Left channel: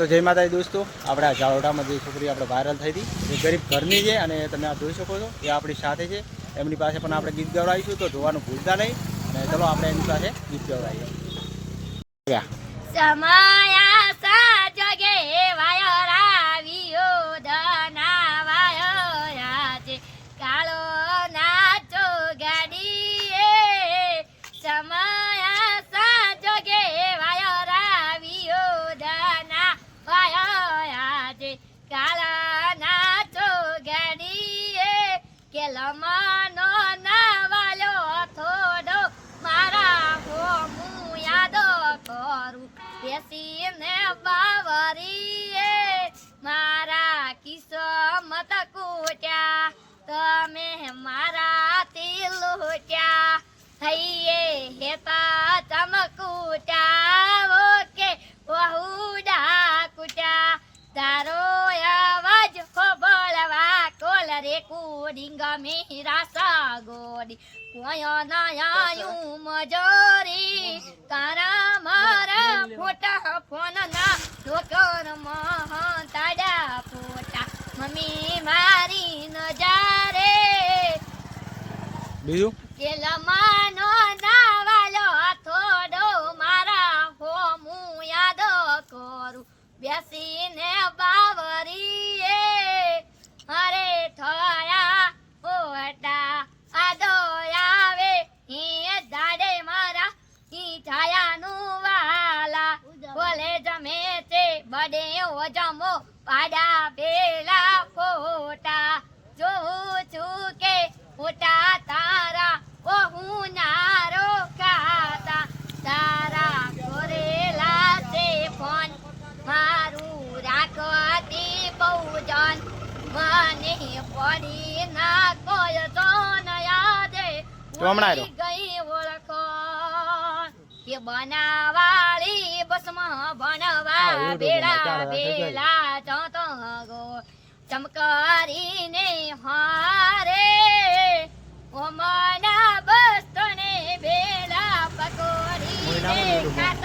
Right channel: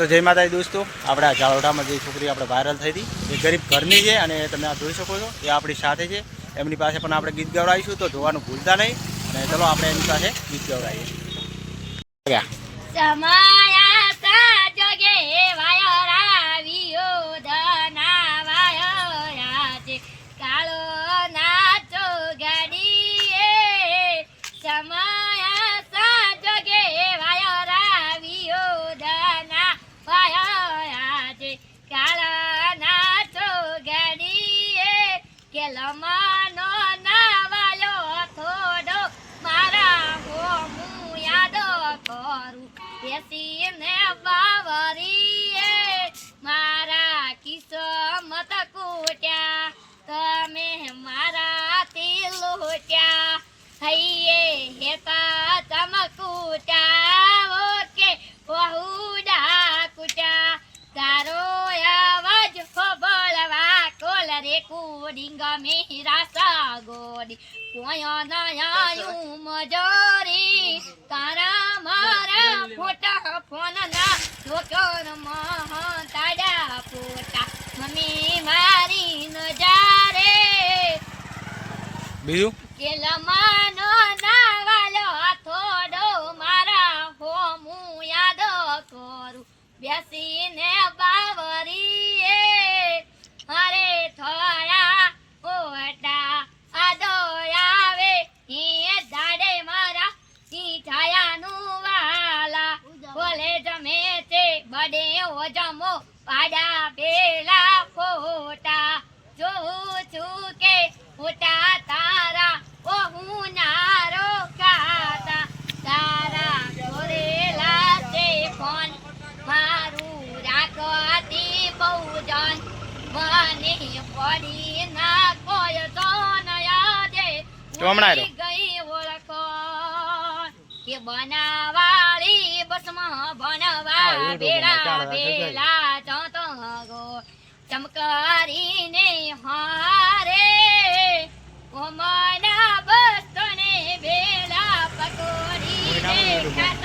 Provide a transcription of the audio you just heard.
તો જય માતાજી દોસ્તો, આપણે આ જાલોડામાં જે છોકરી આપણે વાયરલ થઈ હતી એ ગરીબ ઘરની છે અને તમે આ જોઈ શકો છો એ આપણી સાથે છે. એમની પાસે પણ આપણે ગીત ગવડાવીશું, તો જોવાનું ભૂલતા નહીં. અને ચલો આપણે એમની પાસે ગીત ગવડાવીએ. લમાનો નાવાલો થોડો મારા હો હું યાદો કરું બેસીને બાવરીએ મારા કિસ્મત કૂટ્યા તમે મારા તિલ લૂટ્યા હૈયે હેતા ચમકૂટ્યા ઓકે વહુડા કૂટ્યા તારો અવાજ ખોબળવા કોલ રેકોર્ડિંગ મેરા સાગોડી કોયો નયાયું મજોરી તારા મારા ફોટા ફોન ના જોકર મહં તાડા ફોટા મમ્મી મારી નજારે બીજું કે લમાનો નાવાલો થોડો મારા હો હું યાદ કરું બેસીને બાવરીએ અરે થોડા ઓટા આદો આવે હી દાડે મારા હી છાયાનું વાલા બોલે જમે છે બડે ઓ જમો પાડા પેલા ફોટા જોઉં છું કે ફોટા તારા ઓ હું નારો ખાતા તારા જોરેલા છે ફોન મારું રાખવાથી બહુ જન મને પડી ના કોઈ તો નયા દે ગઈ ઓળખો કે બનાવાળી બસમાં ભણવા બેડા બેલા જતો ગો ચમકારીને હારે ઓ મના બસ તને બેલા પકોડીને